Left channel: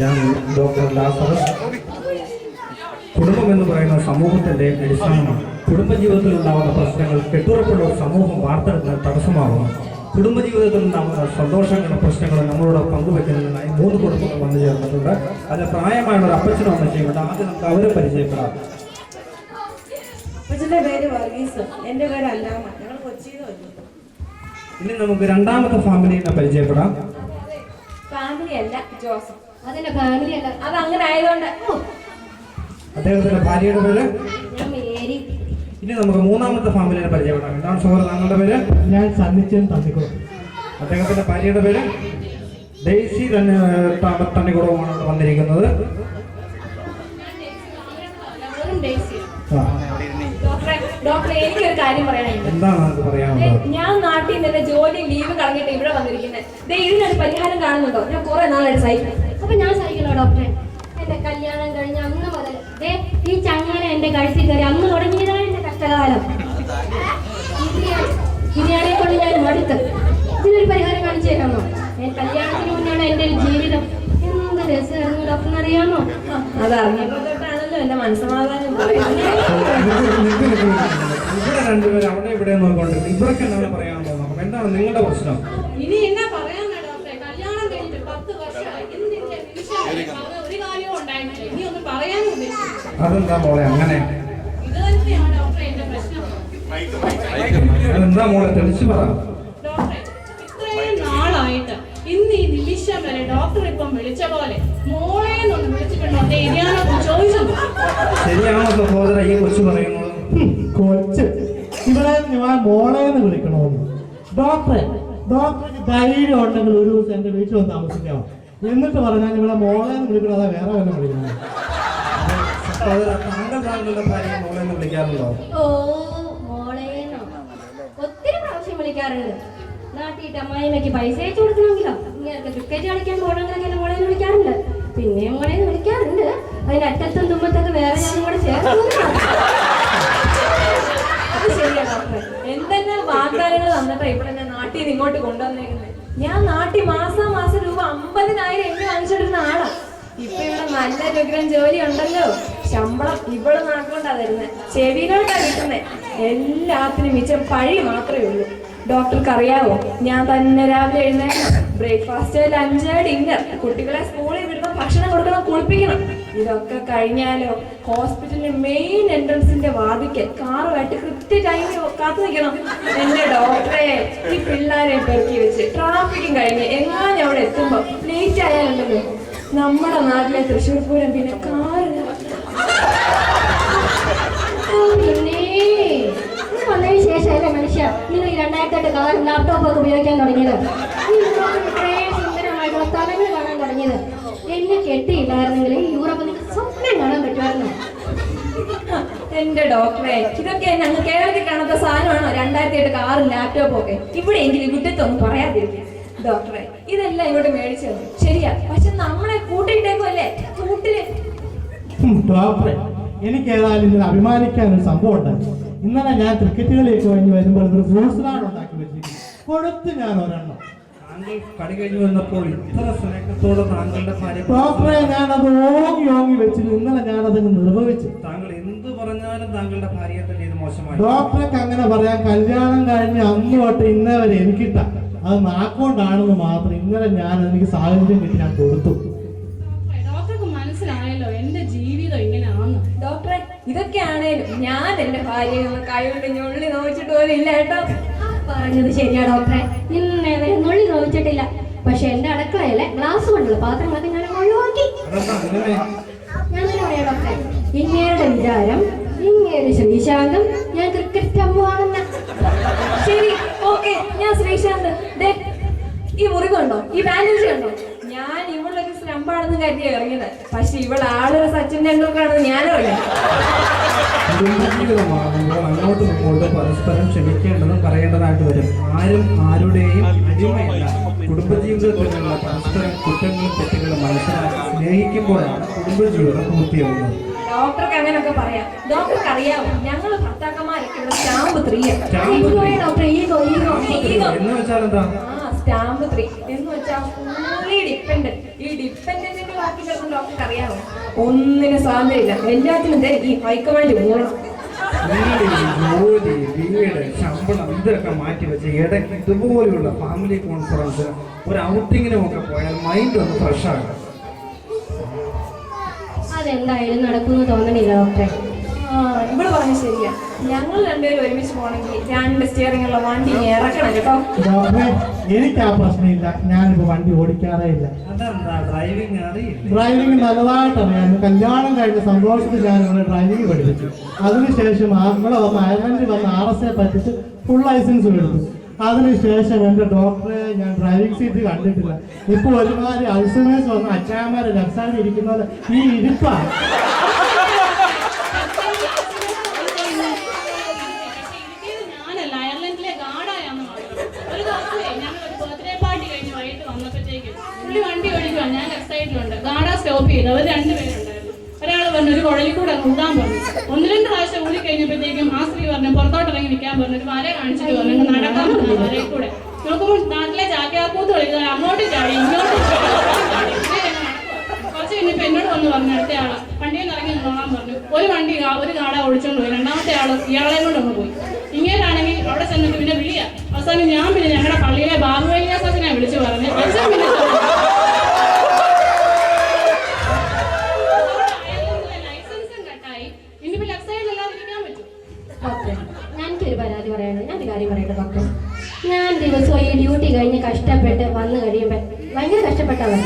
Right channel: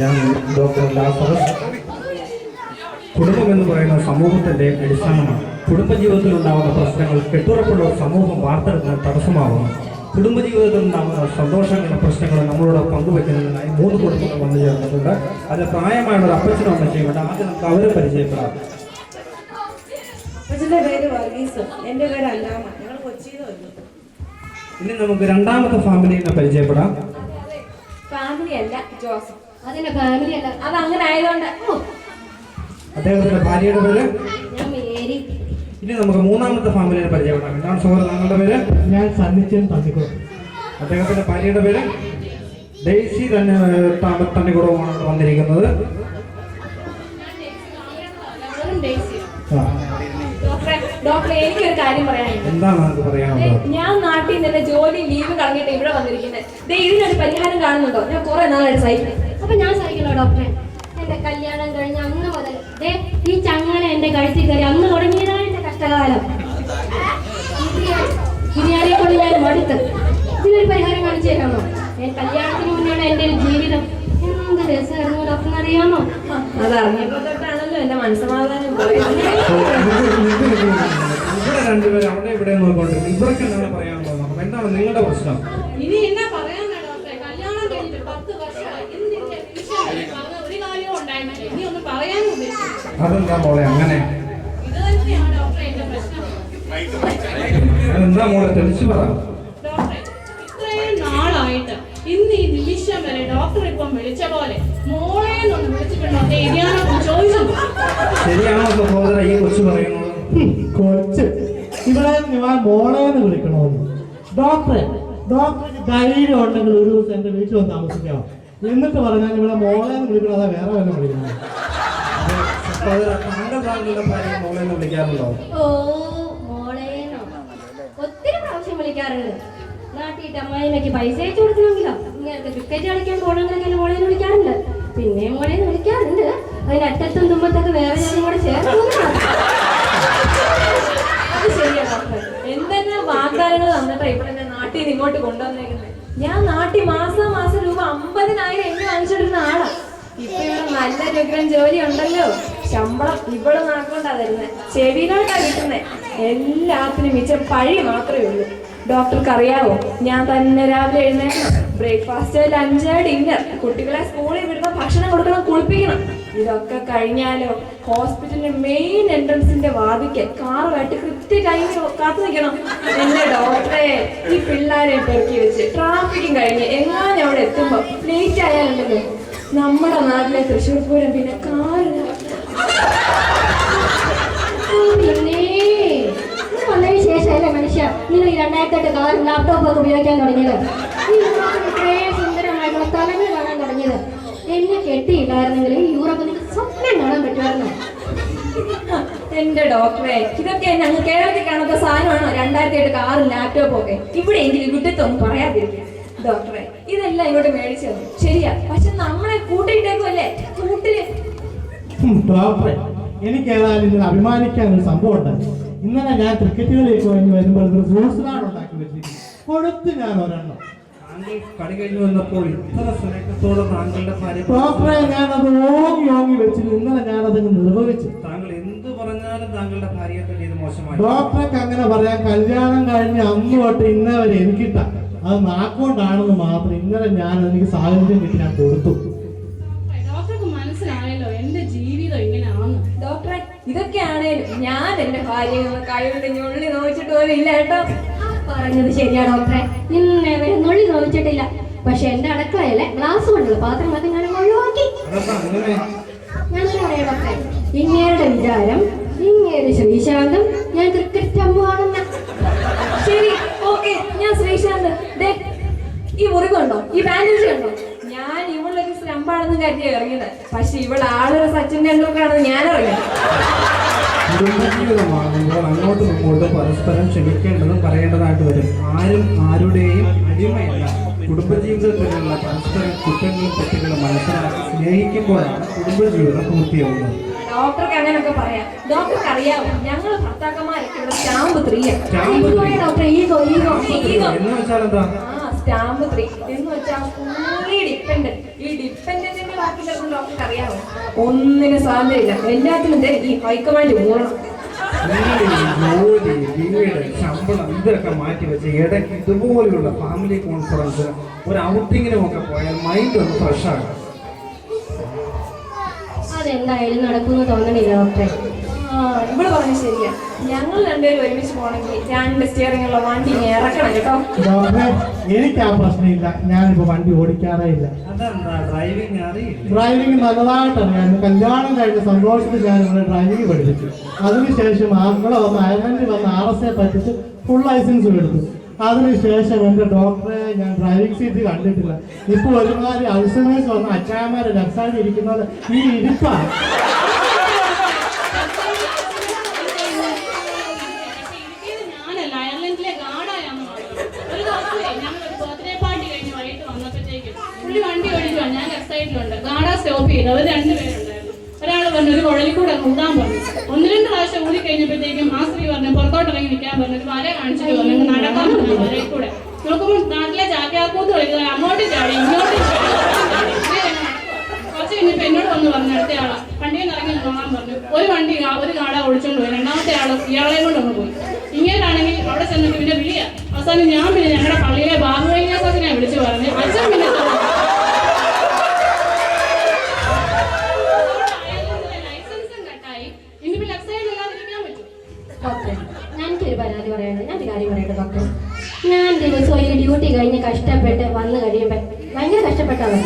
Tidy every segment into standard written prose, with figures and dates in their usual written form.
ഞാൻ doctor Lazarus. കുടുംബം എന്ന് പറയുന്ന സമൂഹത്തിൻ്റെ അടിസ്ഥാനമാണ്. കുടുംബജീവിതത്തിൽ ഉണ്ടാകുന്ന പ്രശ്നങ്ങൾ കെട്ടുറപ്പുള്ള ഒരു സമൂഹം വാർത്തെടുക്കാൻ തടസ്സമാകുന്നു. കുടുംബജീവിതത്തിൽ ഉണ്ടാകുന്ന സന്തോഷങ്ങളുടെ പ്രശ്നങ്ങൾ നമ്മളോട് പങ്കുവെക്കുന്നതിനായി 3 കുടുംബങ്ങൾ വന്നു ചേർന്നിട്ടുണ്ട്. അതിൽ പ്രായമായുള്ള ഒരു അപ്പച്ചനും അമ്മച്ചിയുണ്ട്. ആദ്യം നമുക്ക് അവരെ പരിചയപ്പെടാം. അപ്പച്ചൻ്റെ പേര് വർഗീസ്, എൻ്റെ പേര് അല്ലാമ. ഞങ്ങൾ കൊച്ചിയിൽ വന്നു. ഇനി നമുക്ക് രണ്ടാമത്തെ ഫാമിലിനെ പരിചയപ്പെടാം. ഫാമിലി അല്ല, ജോസഫ്. അതിന്റെ ഫാമിലി അല്ല, അത് അങ്ങനെ ആയതുകൊണ്ട്. അദ്ദേഹത്തിന്റെ ഭാര്യയുടെ പേര് ഞാൻ മേരി. ഇനി നമുക്ക് മൂന്നാമത്തെ ഫാമിലിനെ പരിചയപ്പെടാം. എന്താണ് സഹോദരൻ താങ്കളുടെ പേര്? ഞാൻ സന്നിച്ചൻ തന്നിക്കുളം. അദ്ദേഹത്തിന്റെ ഭാര്യയുടെ പേര് ഡെയ്സി തണ്ണിക്കുളവുമാണ് വന്നിരിക്കുന്നത്. ഡോക്ടറെ, എനിക്കൊരു കാര്യം പറയാനുണ്ട്. എന്താണ് നമുക്ക് പറയാനുള്ളത്? ഞാൻ നാട്ടിൽ നിന്ന് ജോലി ലീവ് കളഞ്ഞിട്ട് ഇവിടെ വന്നിരിക്കുന്നത്. ഇതിനൊരു പരിഹാരം കാണുന്നുണ്ടോ? ഞാൻ കുറെ നാളായിട്ട് സഹിക്കും. അപ്പൊ ഞാൻ സഹിക്കണോ ഡോക്ടറെ? എന്റെ കല്യാണം കഴിഞ്ഞ അന്ന് മുതൽ ഈ ചങ്ങനെ എന്റെ കഴുത്തിൽ കയറി അന്ന് തുടങ്ങിയതാണ് എന്റെ കഷ്ടകാലം. ബിരിയാണിയെ കൊണ്ട് ഞാൻ മടുത്ത്. ഇതിനൊരു പരിഹാരം കാണിച്ചു തരാമോ? കല്യാണത്തിന് മുന്നാണ് എന്റെ ഒരു ജീവിതം. എന്ത് രസമായിരുന്നു ഡോക്ടറിന് അറിയാമോ? അതറിഞ്ഞപ്പോ തൊട്ടാണല്ലോ എന്റെ മനസ്സമാധാനം പറയുന്നത്. ഇവിടെ രണ്ടുപേരും അവിടെ ഇവിടെ നോക്കിക്കൊണ്ടിരുന്നു. ഇവർക്ക് എന്താണ് പറയാനുള്ളത്? നമുക്ക് എന്താണ് നിങ്ങളുടെ പ്രശ്നം? ഇനി എന്നാ പറയാനാ ഡോക്ടറെ? കല്യാണം കഴിഞ്ഞിട്ട് 10 വർഷമായി. ഒരു കാര്യവും ഉണ്ടായിട്ടില്ല. ഇനി ഒന്നും പറയാനും ഉദ്ദേശിച്ചു. അതെന്താ മോളെ അങ്ങനെ? ഇത് തന്നെയാണ് ഡോക്ടറെ എന്റെ പ്രശ്നം. അതെന്താ മോളെ തെളിച്ചു പറ. ഡോക്ടറെ, ഇത്രയും നാളായിട്ട് ഇന്ന് ഈ നിമിഷം വരെ ഡോക്ടർ ഇപ്പം വിളിച്ച പോലെ മോളെ എന്നൊന്ന് വിളിച്ചിട്ടുണ്ടോ? ഞാനൊക്കെ ചോദിച്ചു. ശരിയാണോ സഹോദര ഈ കൊച്ചു പറയുന്നത്? കൊച്ച് ഇവിടെ ഞാൻ മോളേന്ന് വിളിക്കണമെന്ന്. ഡോക്ടർക്ക് ധൈര്യം ഉണ്ടെങ്കിൽ ഒരു ദിവസം എന്റെ വീട്ടിൽ വന്ന് താമസിക്കാമോ? എന്നിട്ട് പറഞ്ഞാൽ ഇവിടെ മോളേന്ന് വിളിക്കണം, അതാ വേറെ വല്ല വിളിക്കണം. താങ്കളുടെ ഭാര്യ മോളെന്ന് വിളിക്കാറുണ്ടോ? ഓ, മോളേനോ ഒത്തിരി പ്രാവശ്യം വിളിക്കാറുണ്ട്. നാട്ടിയിട്ട് അമ്മായിമ്മയ്ക്ക് പൈസ അയച്ചു കൊടുക്കണമെങ്കിലോ ഇങ്ങനെ ക്രിക്കറ്റ് കളിക്കാൻ പോകണമെങ്കിൽ മോളേന്ന് വിളിക്കാറുണ്ട്. പിന്നെ മോളേന്ന് വിളിക്കാറുണ്ട്. അതിന്റെ അറ്റത്തും തുമ്പത്തൊക്കെ വേറെ ഞാനും കൂടെ ചേർന്ന്. അത് ശരിയാ ഡോക്ടറെ. എന്തെല്ലാം വാഗ്ദാനങ്ങൾ തന്നിട്ടാ ഇവിടെ എന്നെ നാട്ടിൽ നിന്ന് ഇങ്ങോട്ട് കൊണ്ടുവന്നേക്കുന്നത്. ഞാൻ നാട്ടിൽ മാസം രൂപ 50,000 എന്നെ വാങ്ങിച്ചോണ്ടിരുന്ന ആളാ. ഇപ്പൊ ഇവിടെ നല്ല രൂപം ജോലി ഉണ്ടല്ലോ. ശമ്പളം ഇവിടെ നാക്കൊണ്ടാ തരുന്നത്, ചെവിയിലോട്ടാ കിട്ടുന്നത്. എല്ലാത്തിനും മിച്ചം പഴി മാത്രമേ ഉള്ളൂ. ഡോക്ടർക്ക് അറിയാവോ, ഞാൻ തന്നെ രാവിലെ എഴുന്നേക്കണം, ബ്രേക്ക്ഫാസ്റ്റ്, ലഞ്ച്, ഡിന്നർ, കുട്ടികളെ സ്കൂളിൽ വിടുന്ന ഭക്ഷണം കൊടുക്കണം, കുളിപ്പിക്കണം. ഇതൊക്കെ കഴിഞ്ഞാലോ ഹോസ്പിറ്റലിന്റെ മെയിൻ എൻട്രൻസിന്റെ വാതിക്കൽ കാറുമായിട്ട് കൃത്യ ടൈമിൽ കാത്തു നിൽക്കണം. എന്റെ ഡോക്ടറെ, ഈ പിള്ളേരെ പെറുക്കി വെച്ച് ട്രാഫിക്കും കഴിഞ്ഞ് എങ്ങാനും അവിടെ എത്തുമ്പോ ലേറ്റ് ആയാലുണ്ടല്ലോ നമ്മുടെ നാട്ടിലെ തൃശ്ശൂർ പൂരം പിന്നെ കാറ്. വന്നതിന് ശേഷമല്ലേ മനുഷ്യ നിങ്ങൾ ഈ 2008 കാറും ലാപ്ടോപ്പ് ഒക്കെ ഉപയോഗിക്കാൻ തുടങ്ങിയത്? ഇത്രയും സുന്ദരമായിട്ടുള്ള സ്ഥലങ്ങൾ കാണാൻ തുടങ്ങിയത്? എന്നെ കെട്ടിയില്ലായിരുന്നെങ്കിൽ ഈ യൂറോപ്പ് നിങ്ങൾക്ക് സ്വപ്നം കാണാൻ പറ്റുമായിരുന്നു. എന്റെ ഡോക്ടറെ, ഇതൊക്കെ ഞങ്ങൾ കേരളത്തിൽ കാണാത്ത സാധനമാണോ? 2008 കാറും ലാപ്ടോപ്പും ഒക്കെ ഇവിടെയെങ്കിലും വിട്ടത്തൊന്നും പറയാതിരിക്കും. ഡോക്ടറെ, ഇതെല്ലാം ഇങ്ങോട്ട് മേടിച്ചു തന്നു ശരിയാ, പക്ഷെ നമ്മളെ കൂട്ടിയിട്ടേക്കുമല്ലേ കൂട്ടില്. ഡോക്ടറെ, എനിക്ക് ഏതായാലും ഇതിൽ അഭിമാനിക്കാൻ ഒരു സംഭവം ഉണ്ടായി. ഇന്നലെ ഞാൻ ക്രിക്കറ്റ് കളിയൊക്കെ കഴിഞ്ഞ് വരുമ്പോൾ ഒരു ഫ്രൂട്ട്സ് സാലഡ് ഉണ്ടാക്കി വെച്ചിരിക്കും. കൊടുത്ത് ഞാൻ ഒരെണ്ണം. താങ്കൾ കളി കഴിഞ്ഞു വന്നപ്പോൾ ഇത്ര സ്നേഹത്തോടെ താങ്കളുടെ ഭാര്യ. ഡോക്ടറെ, ഞാനത് ഓങ്ങി വെച്ചിട്ട് ഇന്നലെ ഞാനതങ്ങ് നിർവഹിച്ചു. താങ്കൾ എന്ത് പറഞ്ഞാലും താങ്കളുടെ ഭാര്യയെ തന്നെ ഇത് മോശമായി. ഡോക്ടർക്ക് അങ്ങനെ പറയാം. കല്യാണം കഴിഞ്ഞ് അന്ന് തൊട്ട് ഇന്നേ വരെ എനിക്കിട്ട അത് നാക്കൊണ്ടാണെന്ന് മാത്രം ഇന്നലെ ഞാൻ എനിക്ക് സാഹചര്യം കിട്ടി ഞാൻ കൊടുത്തു. ഡോക്ടർക്ക് മനസ്സിലായല്ലോ എന്റെ ജീവിതം ഇങ്ങനെയാണെന്ന്. ഡോക്ടറെ, ഇതൊക്കെയാണേലും ഞാൻ എന്റെ ഭാര്യയെ കൈകൊണ്ട് ഞൊള്ളി നോക്കിച്ചിട്ട് പോലും ഇല്ല കേട്ടോ. പറഞ്ഞത് ശരിയാ ഡോക്ടറെ, ഇന്നേ വരെ നുള്ളി നോവിച്ചിട്ടില്ല. പക്ഷെ എന്റെ അടുക്കളയിലെ ഗ്ലാസ് കൊണ്ടുള്ള പാത്രം അത് ഞാൻ ഒഴിവാക്കി. ഞാൻ തന്നെ പറയാം ഡോക്ടറെ, ഇങ്ങേരുടെ വിചാരം ഇങ്ങേര് ശ്രീശാന്തം, ഞാൻ ക്രിക്കറ്റ് അമ്മുവാണെന്ന. ശരി, ഓക്കെ, ഞാൻ ശ്രീശാന്ത്. ഈ മുറിവുണ്ടോ, ഈ ബാൻഡേജ് കണ്ടോ? ഞാൻ ഇവളൊക്കെ സ്ലമ്പാണെന്ന് കരുതിയാ ഇറങ്ങിയത്. പക്ഷെ ഇവൾ ആളൊരു സച്ചിൻ ടെണ്ടുൽക്കറാണെന്ന് ഞാനറിയാം. കുടുംബജീവിതമാകുമ്പോൾ അങ്ങോട്ടും ഇങ്ങോട്ടും പരസ്പരം ക്ഷമിക്കേണ്ടതും പറയേണ്ടതായിട്ട് വരും. ആരും ആരുടെയും അടിമയല്ല. കുടുംബജീവിതത്തിലുള്ള പരസ്പരം കുറ്റങ്ങളും തെറ്റുകളും മനസ്സിലാക്കി സ്നേഹിക്കുമ്പോഴാണ് കുടുംബജീവിതം പൂർത്തിയാവുന്നത്. ഡോക്ടർക്ക് അങ്ങനെയൊക്കെ പറയാം. ഡോക്ടർക്ക് അറിയാമോ, ഞങ്ങൾ ഭർത്താക്കന്മാരൊക്കെ ഇവിടെ സ്റ്റാമ്പ് 3 ഡോക്ടറെ, ഈഗോ ഈഗോ എന്ന് വെച്ചാൽ എന്താ? സ്റ്റാമ്പ് 3 എന്ന് വെച്ചാൽ ഫുള്ളി ഡിപ്പെൻഡന്റ്. ഈ ഡിപ്പെൻഡന്റിന്റെ വാക്കിലൊന്നും ഡോക്ടർക്ക് അറിയാമോ? ഒന്നിനും സാധ്യതയില്ല. എല്ലാത്തിനും ഈ ഹൈക്കമാൻഡ് മൂളണം. ജോലി, വീട്, ശമ്പളം ഇതൊക്കെ മാറ്റി വെച്ച് ഇടയ്ക്ക് ഇതുപോലെയുള്ള ഫാമിലി കോൺഫറൻസ്, ഒരു ഔട്ടിങ്ങിനും ഒക്കെ പോയാൽ മൈൻഡ് ഒന്ന് ഫ്രഷ് ആകും. അതെന്തായാലും നടക്കുമെന്ന് തോന്നണില്ല ഡോക്ടറെ. ഇവിടെ പറഞ്ഞ ശരിയാ. ഞങ്ങൾ രണ്ടുപേരും ഒരുമിച്ച് പോകണമെങ്കിൽ 2 സ്റ്റിയറിംഗ് ഉള്ള വണ്ടി ഇറക്കണം കേട്ടോ. ഡോക്ടറെ, എനിക്ക് ആ പ്രശ്നമില്ല. ഞാനിപ്പോ വണ്ടി ഓടിക്കാറേ ഇല്ല. അതെന്താ? ഡ്രൈവിംഗ് അറിയില്ല? ഡ്രൈവിംഗ് നല്ലതായിട്ട് അറിയാം. കല്യാണം കഴിഞ്ഞ സന്തോഷത്തിൽ ഞാൻ ഇവിടെ ഡ്രൈവിംഗ് പഠിപ്പിച്ചു. അതിനുശേഷം ഇവിടെ വന്ന് അയർലൻഡിൽ വന്ന് RSA പഠിച്ച് ഫുൾ ലൈസൻസ് എടുത്തു. അതിനുശേഷം എൻ്റെ ഡോക്ടറെ ഞാൻ ഡ്രൈവിംഗ് സീറ്റ് കണ്ടിട്ടില്ല. ഇപ്പോൾ ഒരുമാതിരി അൾസമേഴ്സ് വന്ന് അച്ചായന്മാരെ രക്ഷാതി ഇരിക്കുന്നത് ഈ ഇരിപ്പാണ്. വണ്ടി ഓടിക്കുവാ, ഞാൻ ലെഫ്റ്റ് സൈഡിലുണ്ട്. ഗാഡ സ്റ്റോപ്പ് ചെയ്ത് അവർ 2 പേരുണ്ടായിരുന്നു. ഒരാൾ പറഞ്ഞു ഒരു കുഴലിക്കൂടെ ഊതാൻ പറഞ്ഞു. 1-2 പ്രാവശ്യം ഊതി കഴിഞ്ഞപ്പോഴത്തേക്കും ആ സ്ത്രീ പറഞ്ഞു പുറത്തോട്ടിറങ്ങി നിൽക്കാൻ പറഞ്ഞു. ഒരു വര കാണിച്ചിട്ട് പറഞ്ഞു നടക്കാൻ പറഞ്ഞു വരയിൽ കൂടെ. നോക്കുമ്പോൾ നാട്ടിലെ ചാക്യാക്കൂത്ത് കളിക്കുന്നത് അങ്ങോട്ടും ചാടി ഇങ്ങോട്ടും ചാടി. കുറച്ച് കഴിഞ്ഞപ്പോൾ എന്നോട് വന്ന് പറഞ്ഞു അടുത്ത ആള് വണ്ടിയിൽ നിന്ന് ഇറങ്ങി നോക്കാൻ പറഞ്ഞു. ഒരു ഗാഡ ഒളിച്ചോണ്ട് പോയി. രണ്ടാമത്തെ ആള് ഇയാളെ കൊണ്ട് ഒന്ന് പോയി. ഇങ്ങനെയാണെങ്കിൽ അവിടെ ചെന്നിട്ട് പിന്നെ വിളിയാ. അവസാനം ഞാൻ പിന്നെ ഞങ്ങളുടെ പള്ളിയിലെ ബാബുവൈദ്യാസത്തിനെ വിളിച്ചു പറഞ്ഞു. അച്ഛൻ പിന്നെ ലൈസൻസും കട്ടായി. ഇനിയിപ്പോ ലെഫ്റ്റ് സൈഡിലല്ലാതിരിക്കാൻ പറ്റും. ഡോക്ടറെ, ഞാനൊരു പരാതി പറയണം. ഞാനൊരു കാര്യം പറയട്ടെ ഡോക്ടർ. ഞാൻ ദിവസവും ഈ ഡ്യൂട്ടി കഴിഞ്ഞ് കഷ്ടപ്പെട്ട് വന്ന് കഴിയുമ്പോൾ ഭയങ്കര കഷ്ടപ്പെട്ടാണ്.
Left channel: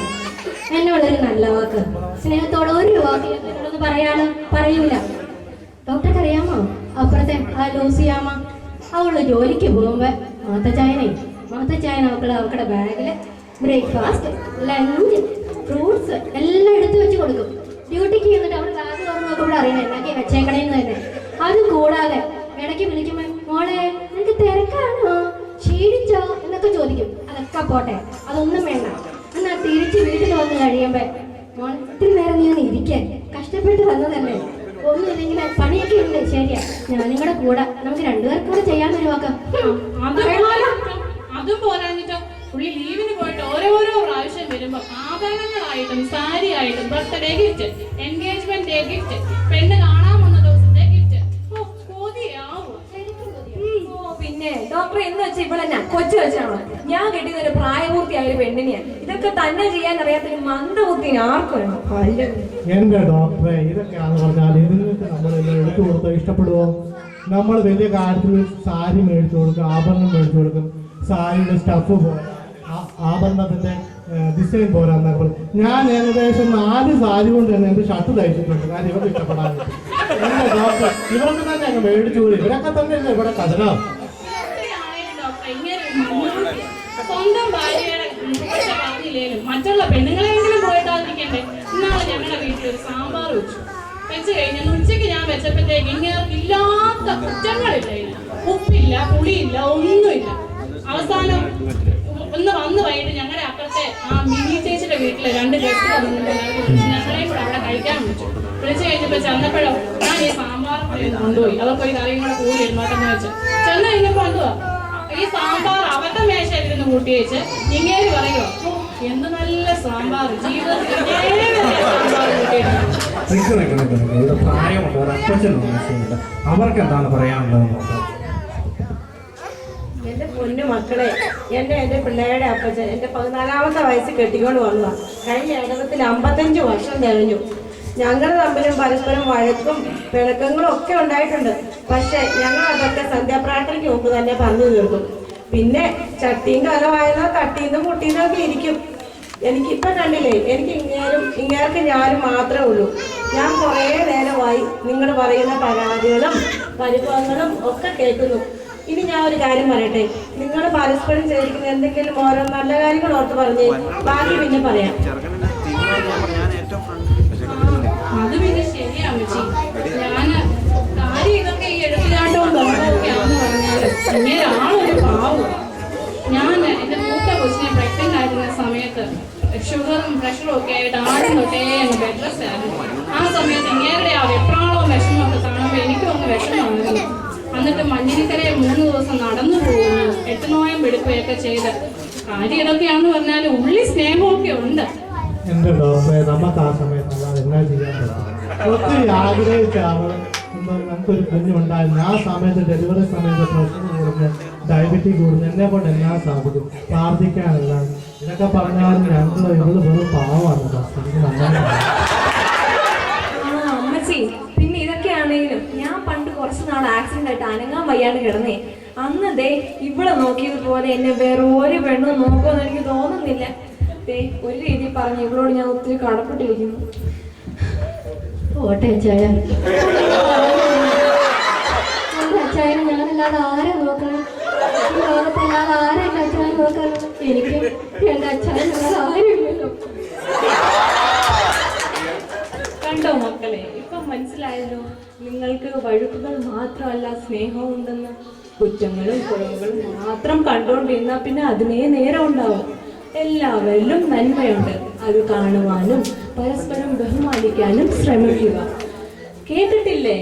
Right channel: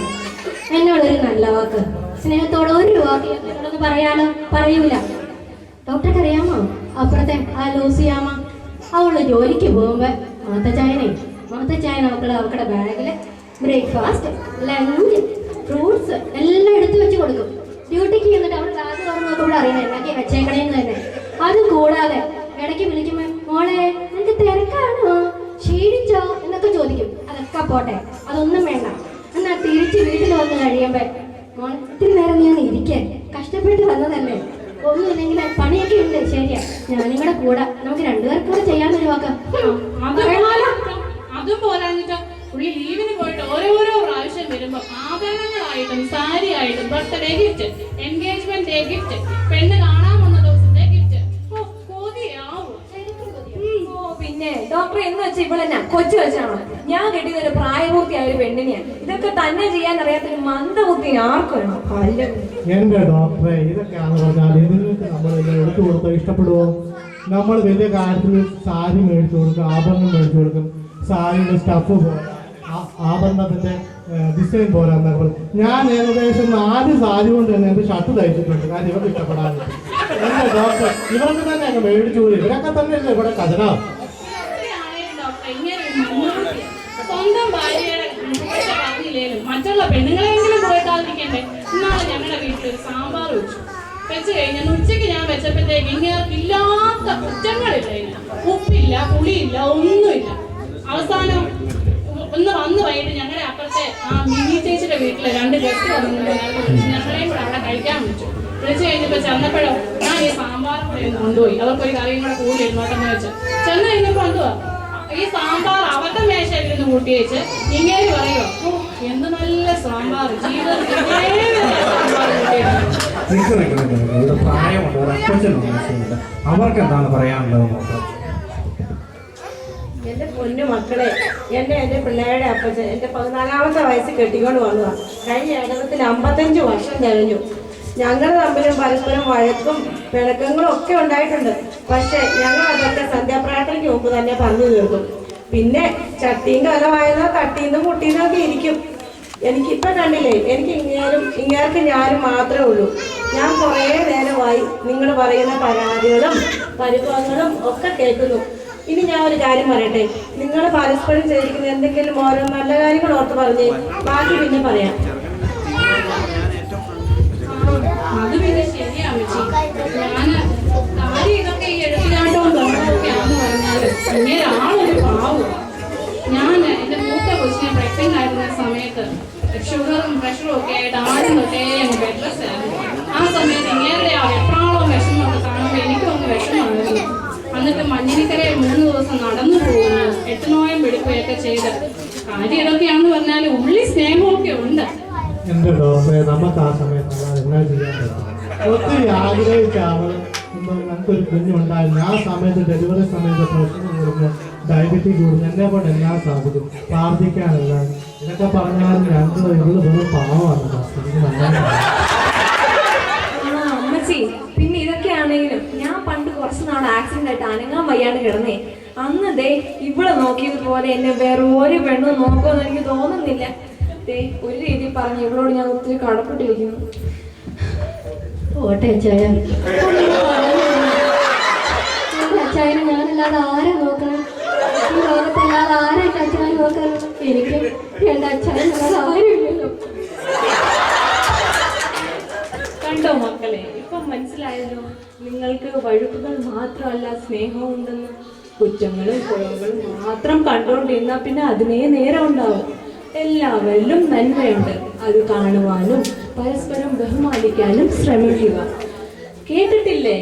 എന്നോടൊരു നല്ല വാക്ക്, സ്നേഹത്തോടെ ഒരു വാക്ക് എന്നോടൊന്ന് പറയാനോ പറയൂല. ഡോക്ടർക്ക് അറിയാമോ, അപ്പുറത്തെ ആ ലൂസിയാമ്മ അവള് ജോലിക്ക് പോകുമ്പോൾ മാത്തച്ചായന അവക്കടെ ബാഗിൽ ബ്രേക്ക്ഫാസ്റ്റ്, ലഞ്ച്, ഫ്രൂട്ട്സ് എല്ലാം എടുത്തു വെച്ച് കൊടുക്കും. ഡ്യൂട്ടിക്ക് ചെന്നിട്ട് അവൾ ബാഗ് തുറന്ന് നോക്കുമ്പോൾ അറിയണം എന്നാക്കി വെച്ചേക്കണേന്ന് തന്നെ. അത് കൂടാതെ ഇടയ്ക്ക് വിളിക്കുമ്പോൾ മോളെ നിനക്ക് തിരക്കാണോ, ക്ഷീണിച്ചോ എന്നൊക്കെ ചോദിക്കും. അതൊക്കെ പോട്ടെ, അതൊന്നും വേണ്ട. എന്നാൽ തിരിച്ച് വീട്ടിൽ വന്ന് കഴിയുമ്പോൾ മോൾ ഇത്തിരി നേരം നീ ഒന്ന് ഇരിക്കാൻ, കഷ്ടപ്പെട്ട് വന്നതല്ലേ, ഒന്നുമില്ലെങ്കിൽ പണിയൊക്കെ ഉണ്ട്, ശരിയാ, ഞാനും കൂടെ കൂടെ നമുക്ക് 2 പേർക്കും കൂടെ ചെയ്യാന്നൊരു വാക്ക്. അതും പോരാഞ്ഞിട്ടോ പുള്ളി ലീവിന് പോയിട്ട് ഓരോരോ പ്രാവശ്യം വരുമ്പോ ആഭരണങ്ങളായിട്ടും സാരി ആയിട്ടും birthday gift, engagement day gift, പെണ്ണ് കാണാൻ വന്ന ദിവസത്തെ ഗിഫ്റ്റ്. പിന്നെ ഡോക്ടർ എന്ന് വെച്ചാൽ ഇവളെന്നാ കൊച്ചു വെച്ചാണോ? ഞാൻ കെട്ടിയത് ഒരു പ്രായപൂർത്തിയായ ഒരു പെണ്ണിനെയാണ്. ഇതൊക്കെ തന്നെ ചെയ്യാൻ അറിയാത്തൊരു മന്ദബുദ്ധി ആർക്കും വേണം? എന്റെ ഡോക്ടറെ, ഇതൊക്കെയാണെന്ന് പറഞ്ഞാൽ ഇതിനൊക്കെ നമ്മൾ എടുത്തു കൊടുത്താൽ ഇഷ്ടപ്പെടുവോ? നമ്മൾ വലിയ കാര്യത്തിൽ സാരി മേടിച്ചു കൊടുക്കും, ആഭരണം മേടിച്ചു കൊടുക്കും. സാരിയുടെ സ്റ്റഫ് പോലെ ആഭരണത്തിന്റെ ഡിസൈൻ പോരാന്നപ്പോൾ ഞാൻ ഏകദേശം 4 സാരി കൊണ്ട് തന്നെ എന്റെ ഷർട്ട് തയ്ച്ചിട്ടുണ്ട്. കാരണം ഇവർക്ക് ഇഷ്ടപ്പെടാൻ എന്റെ ഡോക്ടർ ഇവർക്ക് തന്നെ അങ്ങ് മേടിച്ചു കൂടി. ഇവരൊക്കെ തന്നെയല്ലേ ഇവിടെ കഥനാ. സ്വന്തം ഭാര്യയുടെ പറഞ്ഞില്ലേലും മറ്റുള്ള പെണ്ണുങ്ങളെങ്കിലും പോയിട്ടാതിരിക്കണ്ടേ. ഇന്നാളെ ഞങ്ങളുടെ വീട്ടിൽ ഒരു സാമ്പാർ വെച്ച് കഴിഞ്ഞാൽ ഉച്ചയ്ക്ക് ഞാൻ വെച്ചപ്പോഴത്തേക്ക് ഇല്ലാത്ത കുറ്റങ്ങളില്ല. ഉപ്പില്ല, പുളിയില്ല, ഒന്നുമില്ല. അവസാനം വന്ന് വൈകിട്ട് ഞങ്ങളുടെ അപ്പുറത്തെ ആ മിനി ചേച്ചിയുടെ വീട്ടിലെ 2 ഗസ്റ്റ് വന്നിട്ടുണ്ട്. ഞങ്ങളെയും കൂടെ അവിടെ കഴിക്കാൻ വിളിച്ചു കഴിഞ്ഞപ്പോ ചെന്നപ്പോഴോ ഞാൻ ഈ സാമ്പാർ കൊണ്ടുപോയി. അവർക്കൊരു കറിയും കൂടെ കൂടി ഇരുന്നോട്ടെന്ന് വെച്ച് ചെന്ന് കഴിഞ്ഞപ്പോ എന്തുവാ ഈ സാമ്പാർ അവരുടെ മേശയിലിരുന്ന് കൂട്ടി വെച്ച് ഇങ്ങനെ പറയുമോ എന്ത് നല്ല സാമ്പാർ, ജീവിതത്തിൽ അവർക്ക് എന്താണ് പറയാനുള്ളത്? എൻ്റെ പൊന്നു മക്കളെ, എൻ്റെ പിള്ളേരുടെ അപ്പച്ചൻ എൻ്റെ 14ാമത്തെ വയസ്സിൽ കെട്ടിക്കൊണ്ട് വന്നതാണ്. കഴിഞ്ഞ ഏകദേശത്തിൽ 55 വർഷം കഴിഞ്ഞു. ഞങ്ങൾ തമ്മിലും പരസ്പരം വഴക്കും പിണക്കങ്ങളും ഒക്കെ ഉണ്ടായിട്ടുണ്ട്. പക്ഷെ ഞങ്ങൾ അതൊക്കെ സന്ധ്യാപ്രാർത്ഥനയ്ക്ക് മുമ്പ് തന്നെ പറഞ്ഞു തീർക്കും. പിന്നെ ചട്ടിയും കലമായതോ തട്ടിന്നും മുട്ടിന്നും ഒക്കെ ഇരിക്കും. എനിക്കിപ്പോൾ കണ്ടില്ലേ, എനിക്ക് ഇങ്ങേർക്ക് ഞാനും മാത്രമേ ഉള്ളൂ. ഞാൻ കുറേ നേരമായി നിങ്ങൾ പറയുന്ന പരാതികളും പരിഭവങ്ങളും ഒക്കെ കേൾക്കുന്നു. ഇനി ഞാൻ ഒരു കാര്യം പറയട്ടെ, നിങ്ങൾ പരസ്പരം ചെയ്തിരിക്കുന്ന എന്തെങ്കിലും ഓരോ നല്ല കാര്യങ്ങൾ ഓർത്ത് പറഞ്ഞേ, ബാക്കി പിന്നെ പറയാം. അത് പിന്നെ ശരിയാണ് ചേച്ചി. ഞാന് കാര്യം ഇതൊക്കെ ഈ എടുത്തിലാണ്ടവും തൊണ്ടൊക്കെയാന്ന് പറഞ്ഞാല് ഇങ്ങനെ ആളൊരു പാവം. ഞാൻ എൻ്റെ മൂത്ത കൊച്ചിനെ പ്രഗ്നന്റ് ആയിരുന്ന സമയത്ത് ഷുഗറും പ്രഷറും ഒക്കെ ആയിട്ട് ആടുന്നൊക്കെ അങ്ങ് ബെഡ് റെസ്റ്റ് ആയിരുന്നു. ആ സമയത്ത് ഇങ്ങേരുടെ ആ വെപ്രാളവും വിഷമമൊക്കെ കാണുമ്പോൾ എനിക്കും ഒന്ന് വിഷമമായിരുന്നു. എന്നിട്ട് മഞ്ഞിനിക്കരയിൽ 3 ദിവസം നടന്നു പോകുന്നു, 8 നോയം എടുക്കുകയൊക്കെ ചെയ്ത് കാര്യം ഇതൊക്കെയാണെന്ന് പറഞ്ഞാൽ ഉള്ളി സ്നേഹമൊക്കെ ഉണ്ട്. എന്റെ ഡോക്ടറെ, നമുക്ക് ആ സമയത്ത് അല്ലാതെ എന്നാ ചെയ്യാൻ പറ്റും? ഒത്തിരി ആഗ്രഹിച്ച അവള് നമുക്കൊരു കുഞ്ഞുണ്ടായിരുന്നു. ആ സമയത്ത് ഡെലിവറി സമയത്ത് പ്രശ്നം കൂടുന്നു, ഡയബറ്റിക് കൂടുന്നു, എന്നെ കൊണ്ട് എല്ലാം സാധിക്കും, പ്രാർത്ഥിക്കാനല്ല. ഇതൊക്കെ പറഞ്ഞാലും ഞങ്ങൾ ഇവള് വെറും പാവമാണ്. എനിക്ക് നന്നായി അമ്മച്ചി, പിന്നെ ഇതൊക്കെയാണെങ്കിലും ഞാൻ പണ്ട് കുറച്ച് നാൾ ആക്സിഡന്റ് ആയിട്ട് അനങ്ങാൻ വയ്യാണ്ട് കിടന്നേ. അന്ന് ദേ ഇവിടെ നോക്കിയതുപോലെ എന്നെ വേറെ ഒരു പെണ്ണും നോക്കുമെന്ന് എനിക്ക് തോന്നുന്നില്ല. ദേ ഒരു രീതി പറഞ്ഞ് ഇവളോട് ഞാൻ ഒത്തിരി കടപ്പെട്ടിരിക്കുന്നു. ഓട്ടെ അച്ചായൻ, അച്ചായനെ ഞാനല്ലാതെ ആരാ നോക്കണം? ഈ ലോകത്തല്ലാതെ ആരാ എന്റെ അച്ചായൻ നോക്കാനുള്ളത്? എനിക്ക് എന്റെ അച്ചായനല്ലാതെ ആരുമില്ലല്ലോ. കണ്ടോ മക്കളെ, ഇപ്പം മനസ്സിലായല്ലോ നിങ്ങൾക്ക് വഴുക്കുകൾ മാത്രമല്ല സ്നേഹം ഉണ്ടെന്ന്. കുറ്റങ്ങളും കുറവുകളും മാത്രം കണ്ടുകൊണ്ടിരുന്നാൽ പിന്നെ അതിനേ നേരം ഉണ്ടാവും. എല്ലാവരിലും നന്മയുണ്ട്, അത് കാണുവാനും പരസ്പരം ബഹുമാനിക്കാനും ശ്രമിക്കുക. കേട്ടിട്ടില്ലേ?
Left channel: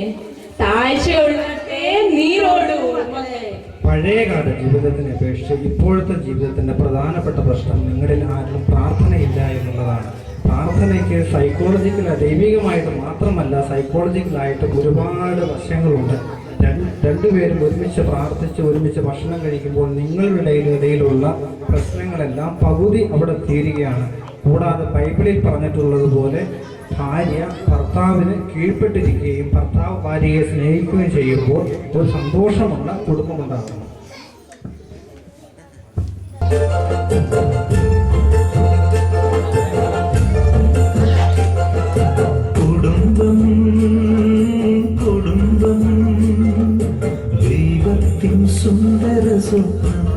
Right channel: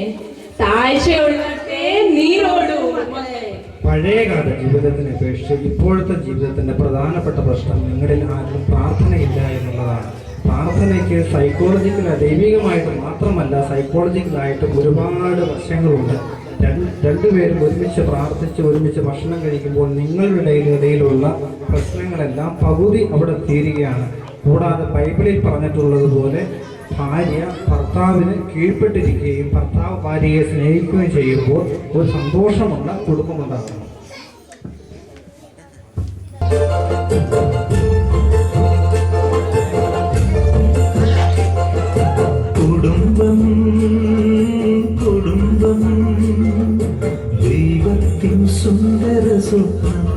താഴ്ചയുള്ളത്തെ നീരോടൂ. പഴയകാല ജീവിതത്തിനെ അപേക്ഷിച്ച് ഇപ്പോഴത്തെ ജീവിതത്തിന്റെ പ്രധാനപ്പെട്ട പ്രശ്നം നിങ്ങളിൽ ആരും പ്രാർത്ഥനയില്ല എന്നുള്ളതാണ്. പ്രാർത്ഥനയ്ക്ക് ദൈവികമായിട്ട് മാത്രമല്ല, സൈക്കോളജിക്കലായിട്ട് ഒരുപാട് വശങ്ങളുണ്ട്. രണ്ടുപേരും ഒരുമിച്ച് പ്രാർത്ഥിച്ച് ഒരുമിച്ച് ഭക്ഷണം കഴിക്കുമ്പോൾ നിങ്ങളുടെ ഇടയിലുള്ള പ്രശ്നങ്ങളെല്ലാം പകുതി അവിടെ തീരുകയാണ്. കൂടാതെ ബൈബിളിൽ പറഞ്ഞിട്ടുള്ളതുപോലെ ഭാര്യ ഭർത്താവിന് കീഴ്പ്പെട്ടിരിക്കുകയും ഭർത്താവ് ഭാര്യയെ സ്നേഹിക്കുകയും ചെയ്യുമ്പോൾ ഒരു സന്തോഷമുള്ള കുടുംബമുണ്ടാകുന്നു. കുടുംബം കുടുംബം ദൈവത്തിൻ സുന്ദര സ്വപ്നം.